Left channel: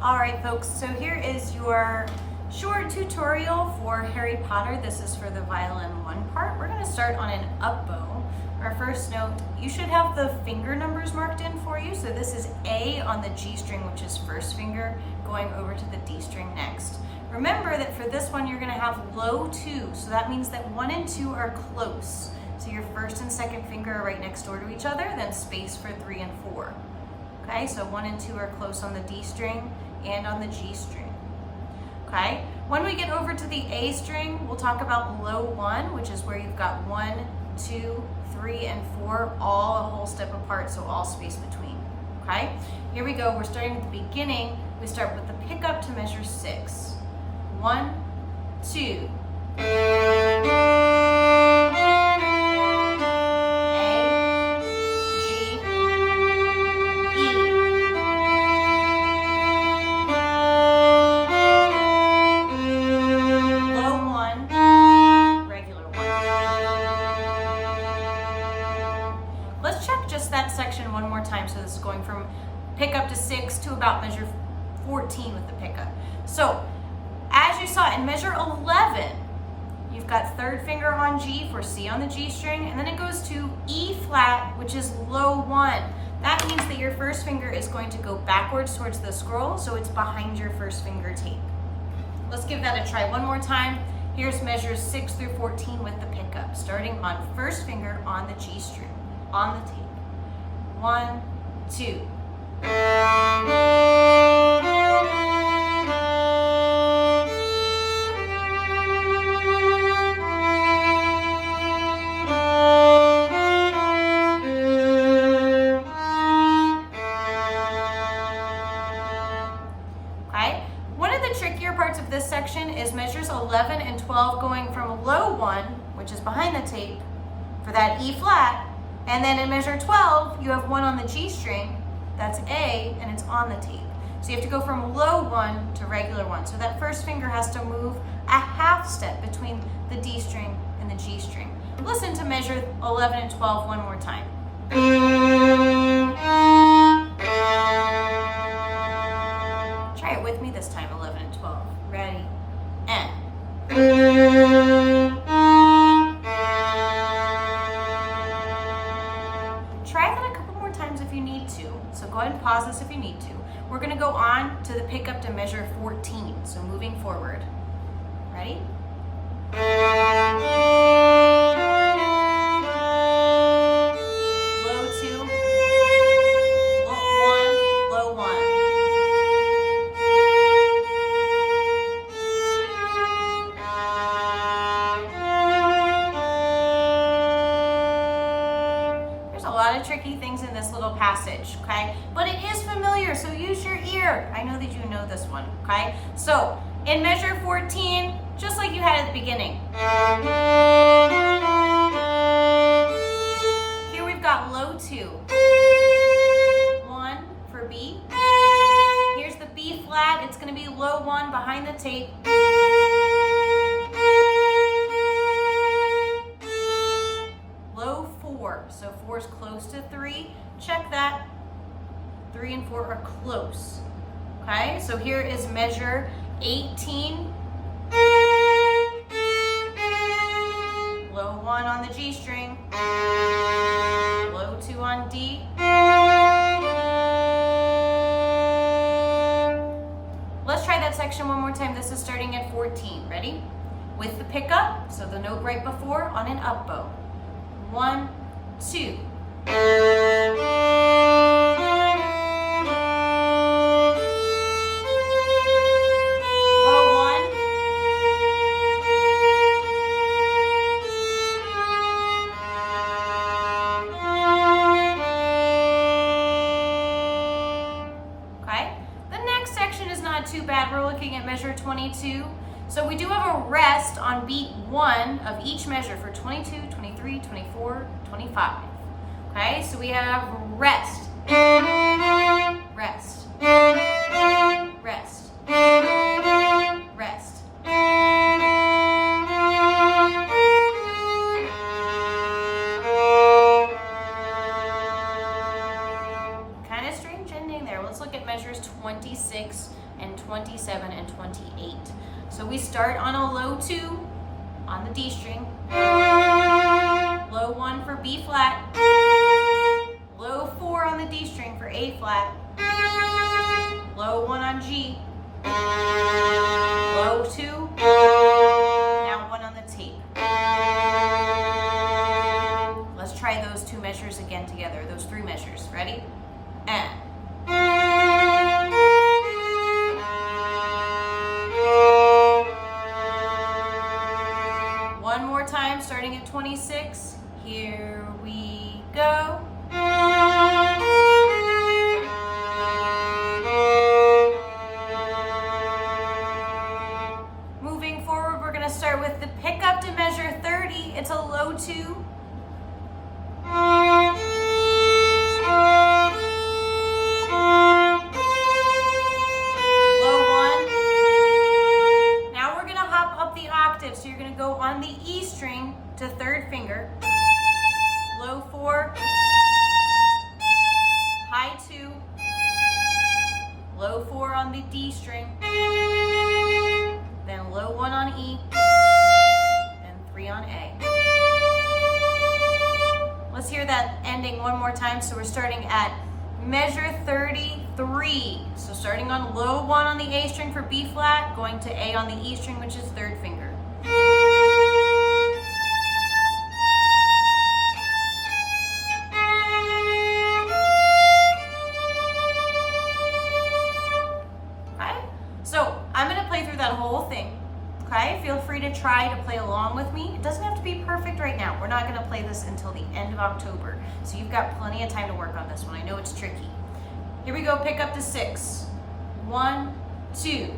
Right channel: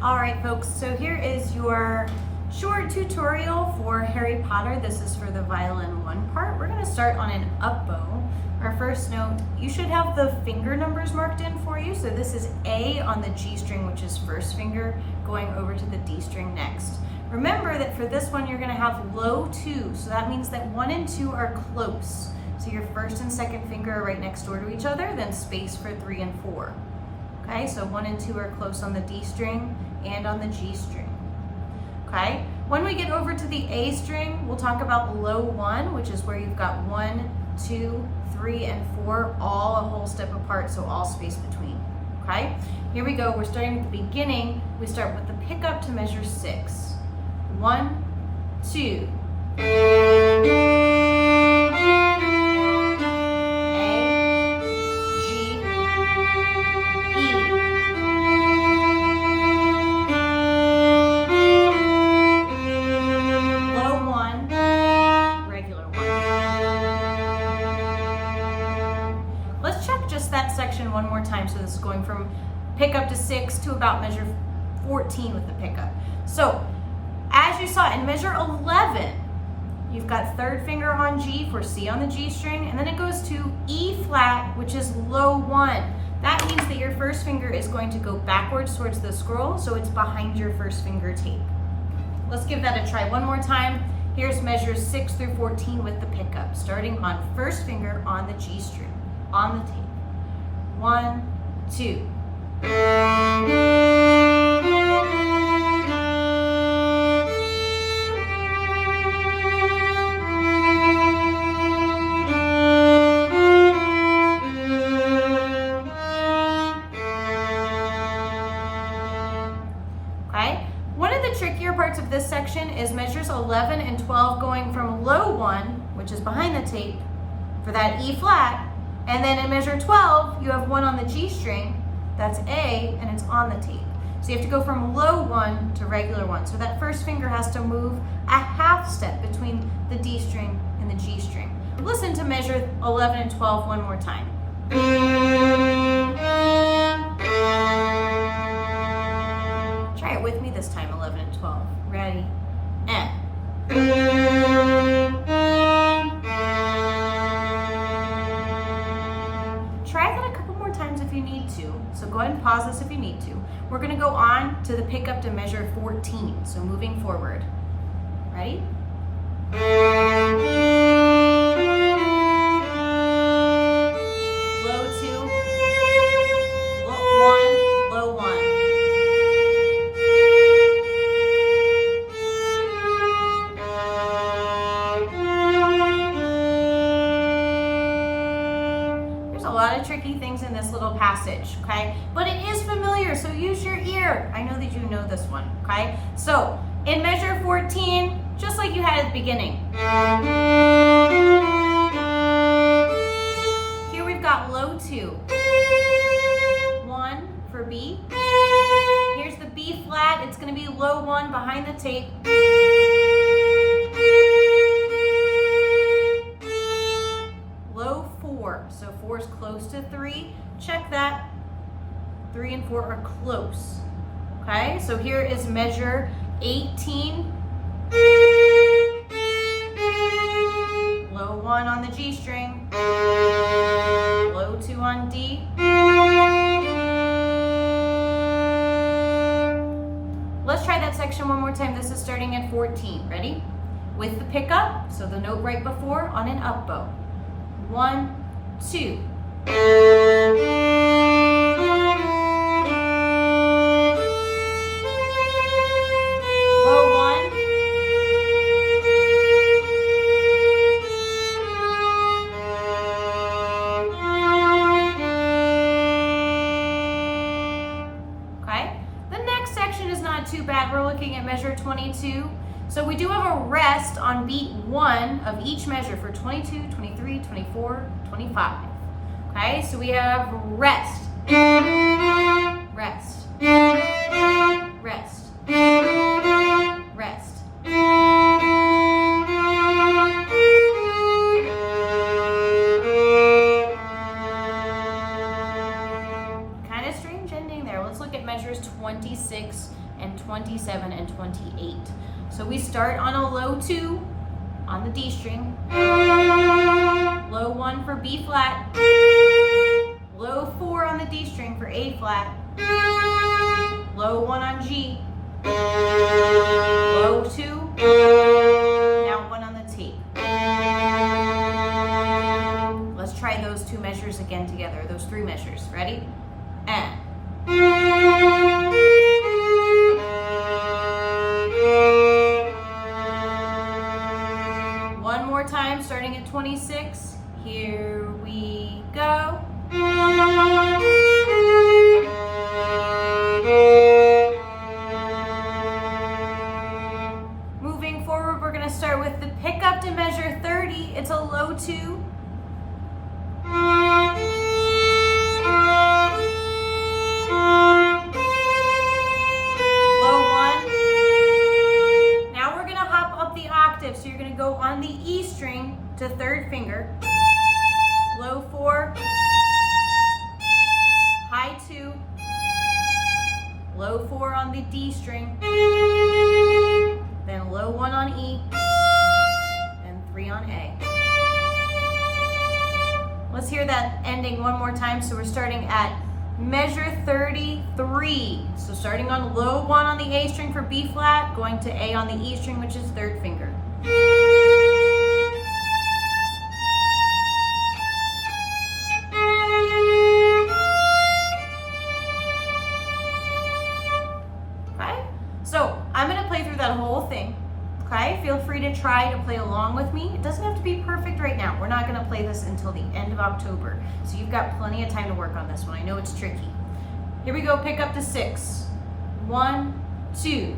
All right, folks, so here is your short tutorial for Harry Potter. This is for the violin 1 part. We're going to start on an up bow. Our first note, you should have the finger numbers marked in for you. So this is A on the G string, which is first finger, going over to the D string next. Remember that for this one, you're going to have low 2. So that means that 1 and 2 are close. So your first and second finger are right next door to each other, then space for 3 and 4. Okay, so 1 and 2 are close on the D string and on the G string. Okay, when we get over to the A string, we'll talk about low 1, which is where you've got 1, 2, 3, and 4 all a whole step apart, so all space between. Okay, here we go. We're starting at the beginning. We start with the pickup to measure 6. 1, 2. Let's check just that section one more time. So this is going from pickup to 6 to about measure 14 with the pickup. So as you saw in measure 11, you've got third finger on G for C on the G string, and then it goes to E flat, which is low 1. That means that your first finger is going to go backwards towards the scroll, so it's behind your first finger tape. Let's give that a try one more time. Here's measures 6 through 14 with the pickup, starting on first finger on the G string, on the tape. 1, 2. Okay? One of the trickier parts of this section is measures 11 and 12 going from low 1, which is behind the tape, for that E flat, and then in measure 12, you have 1 on the G string, that's A, and it's on the tape. So you have to go from low 1 to regular 1. So that first finger has to move a half step between the D string and the G string. Listen to measure 11 and 12 one more time. Try it with me this time, 11 and 12. Ready? And. Try that a couple more times if you need to. So go ahead and pause this if you need to. We're going to go on to the pickup to measure 14. So moving forward. Ready? Low 2, low 1, low 1. A lot of tricky things in this little passage, okay? But it is familiar, so use your ear. I know that you know this one, okay? So in measure 14, just like you had at the beginning. Here we've got low 2. 1 for B. Here's the B flat. It's going to be low 1 behind the tape. Low 4, so 4 is close to 3. Check that. 3 and 4 are close. Okay, so here is measure 18. Low 1 on the G string. Low 2 on D. Let's try that section one more time. This is starting at 14. Ready? With the pickup, so the note right before on an up bow. 1, 2. Low 1. Okay. The next section is not too bad. We're looking at measure 22. So we do have a rest on beat 1 of each measure for 22, 23, 24, 25. Okay, so we have rest, rest, rest, rest. Kind of strange ending there. Let's look at measures 26 and 27 and 28. So we start on a low 2 on the D string, low 1 for B flat, low 4 on the D string for A flat, low 1 on G, low 2, now 1 on the tape. Let's try those 2 measures again together, those 3 measures. Ready? And. One more time, starting at 26. Here we go. Moving forward, we're going to start with the pickup to measure 30. It's a low 2. So you're going to go on the E string to 3rd finger, low 4, high 2, low 4 on the D string, then low 1 on E, then 3 on A. Let's hear that ending one more time. So we're starting at measure 33. So starting on low 1 on the A string for B flat, going to A on the E string, which is 3rd finger. Okay, so I'm going to play through that whole thing. Okay, feel free to try to play along with me. It doesn't have to be perfect right now. We're not going to play this until the end of October, so you've got plenty of time to work on this one. I know it's tricky. Here we go, pick up to 6. 1, 2.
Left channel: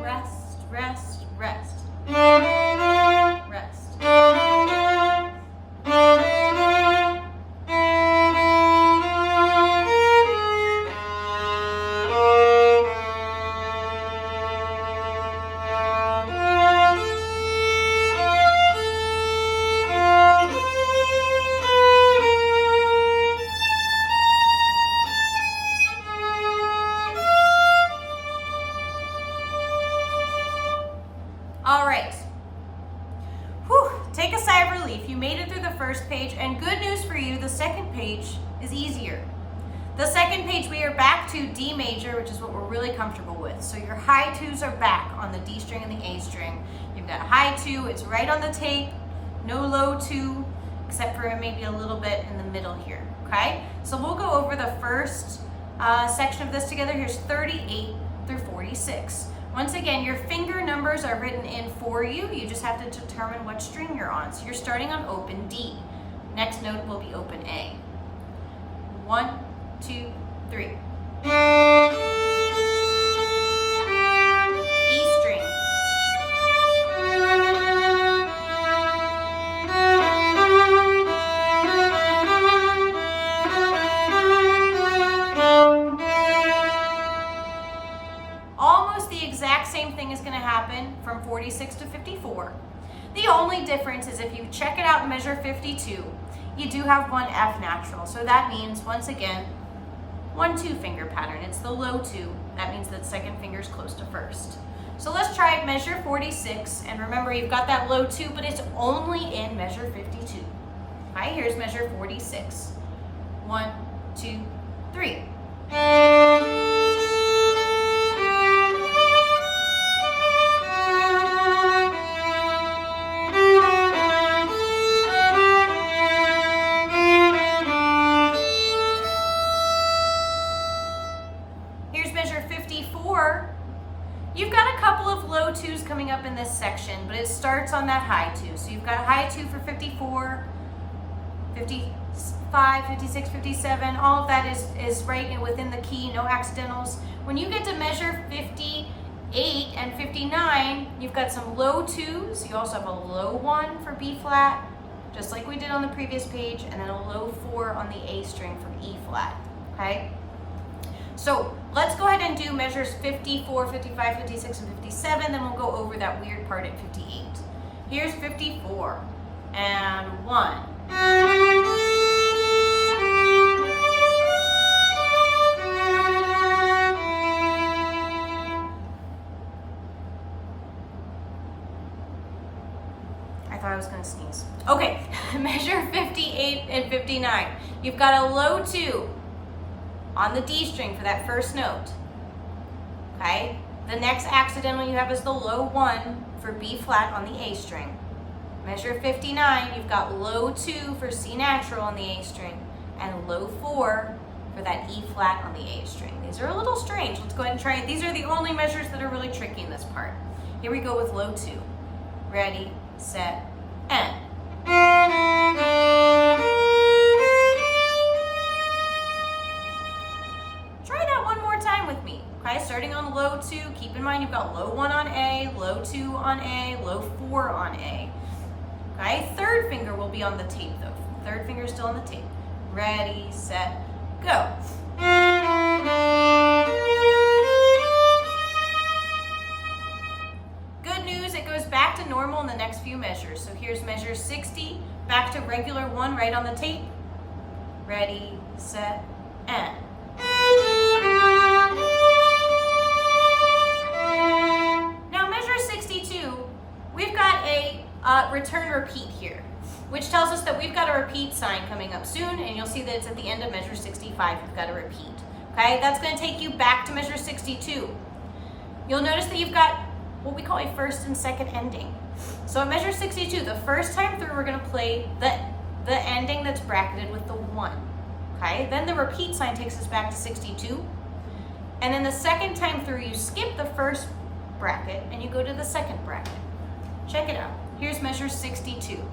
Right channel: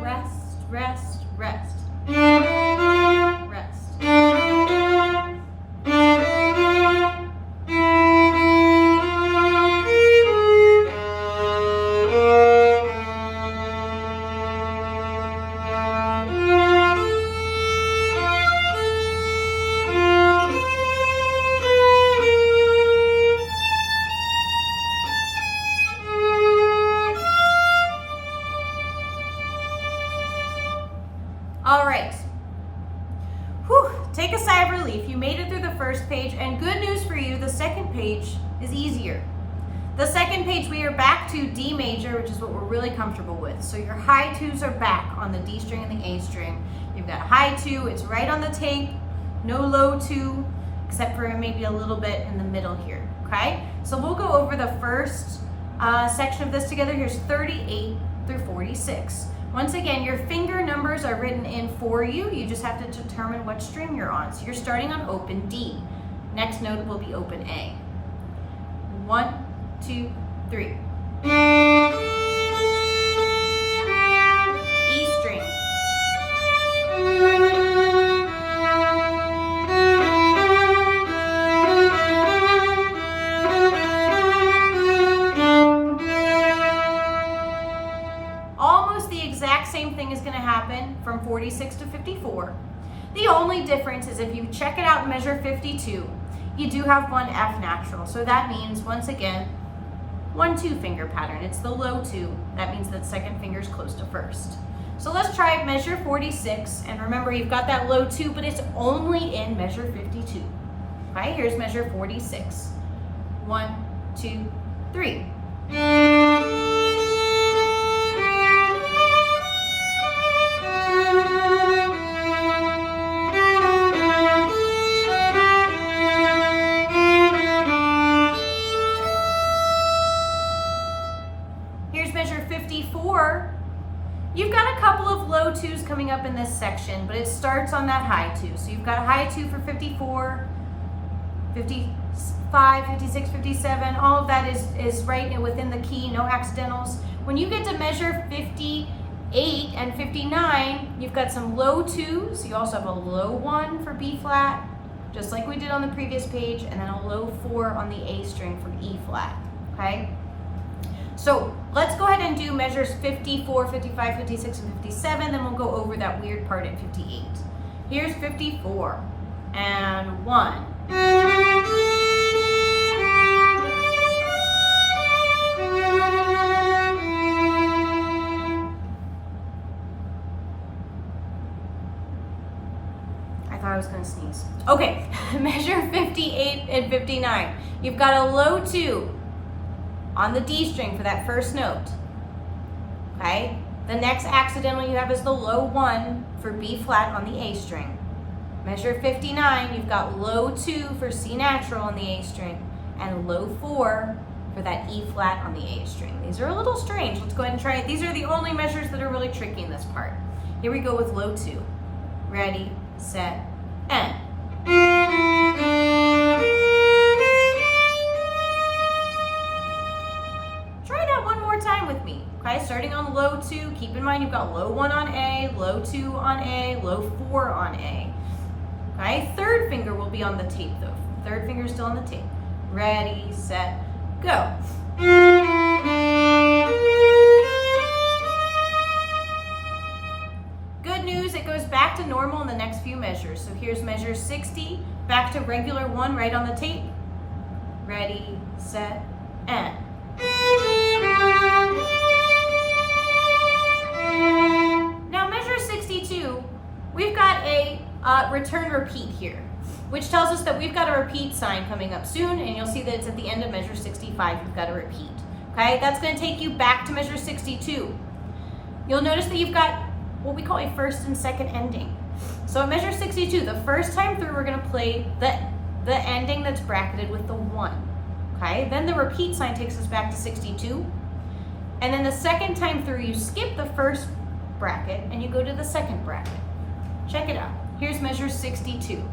Rest, rest. Rest. All right. Whew. Take a sigh of relief. You made it through the first page, and good news for you, the second page is easier. The second page, we are back to D major, which is what we're really comfortable with. So your high 2s are back on the D string and the A string. You've got high 2, it's right on the tape, no low 2, except for maybe a little bit in the middle here, okay? So we'll go over the first section of this together. Here's 38 through 46. Once again, your finger numbers are written in for you. You just have to determine what string you're on. So you're starting on open D. Next note will be open A. 1, 2, 3. E string. Almost the exact same thing is going to happen from 46 to 54. The only difference is if you check it out in measure 52, you do have one F natural. So that means, once again, 1-2 finger pattern. It's the low 2. That means that second finger is close to first. So let's try measure 46. And remember, you've got that low 2, but it's only in measure 52. Okay, here's measure 46. 1, 2, 3. Here's measure 54. You've got a couple of low 2s coming up in this section, but it starts on that high 2. So you've got a high 2 for 54, 55, 56, 57. All of that is right within the key, no accidentals. When you get to measure 58 and 59, you've got some low 2s. You also have a low 1 for B flat, just like we did on the previous page, and then a low 4 on the A string for E flat, okay? So let's go ahead and do measures 54, 55, 56, and 57, then we'll go over that weird part at 58. Here's 54, and 1. I thought I was gonna sneeze. Okay, measure 58 and 59. You've got a low 2 on the D string for that first note, okay? The next accidental you have is the low 1 for B flat on the A string. Measure 59, you've got low 2 for C natural on the A string and low 4 for that E flat on the A string. These are a little strange. Let's go ahead and try it. These are the only measures that are really tricky in this part. Here we go with low 2. Ready, set, and. Try that one more time with me. Okay, starting on low 2, keep in mind you've got low 1 on A, low 2 on A, low 4 on A. Okay, third finger will be on the tape though. Third finger is still on the tape. Ready, set, go. Good news, it goes back to normal in the next few measures. So here's measure 60, back to regular 1 right on the tape. Ready, set, and. Now measure 62, we've got a return repeat here, which tells us that we've got a repeat sign coming up soon, and you'll see that it's at the end of measure 65, you've got a repeat. Okay, that's going to take you back to measure 62. You'll notice that you've got what we call a first and second ending. So at measure 62, the first time through, we're going to play the ending that's bracketed with the 1. Okay, then the repeat sign takes us back to 62. And then the second time through, you skip the first bracket and you go to the second bracket. Check it out. Here's measure 62.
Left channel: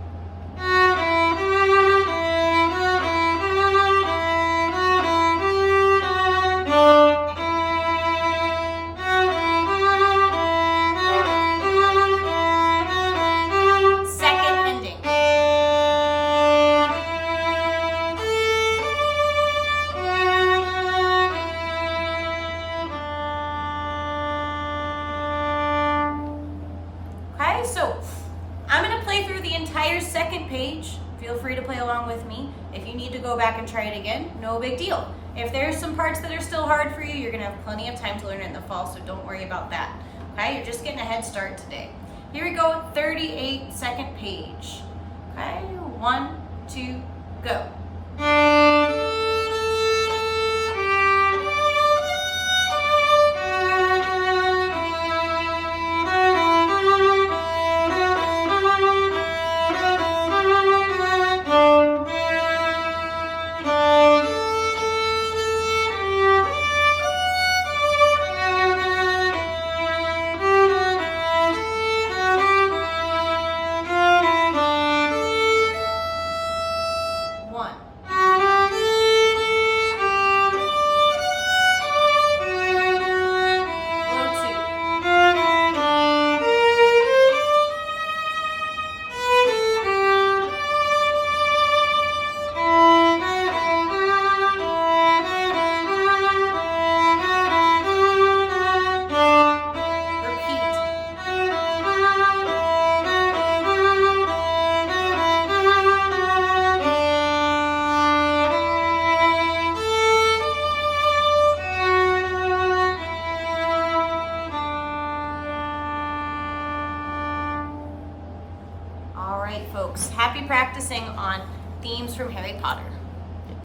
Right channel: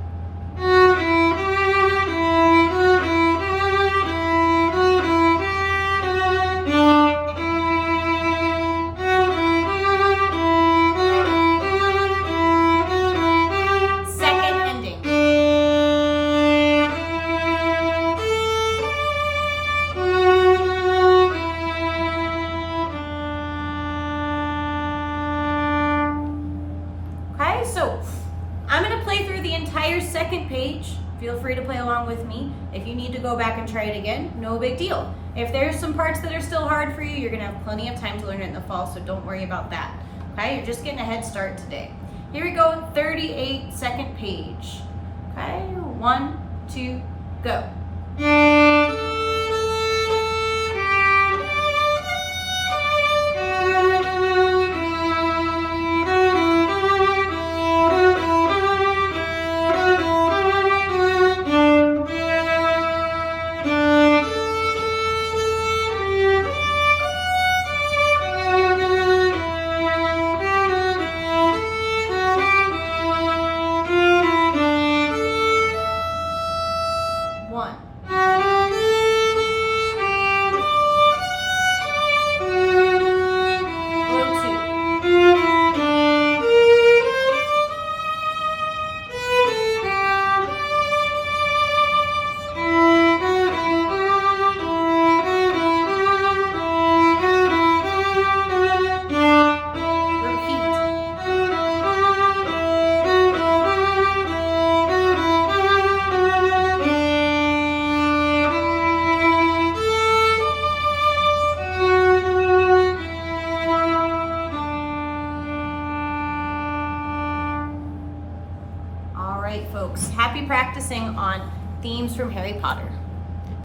Second ending. Okay, so I'm going to play through the entire second page. Feel free to play along with me. If you need to go back and try it again, no big deal. If there's some parts that are still hard for you, you're going to have plenty of time to learn it in the fall, so don't worry about that. Okay, you're just getting a head start today. Here we go, 38 second page. Okay, 1, 2, go. Folks, happy practicing on themes from Harry Potter.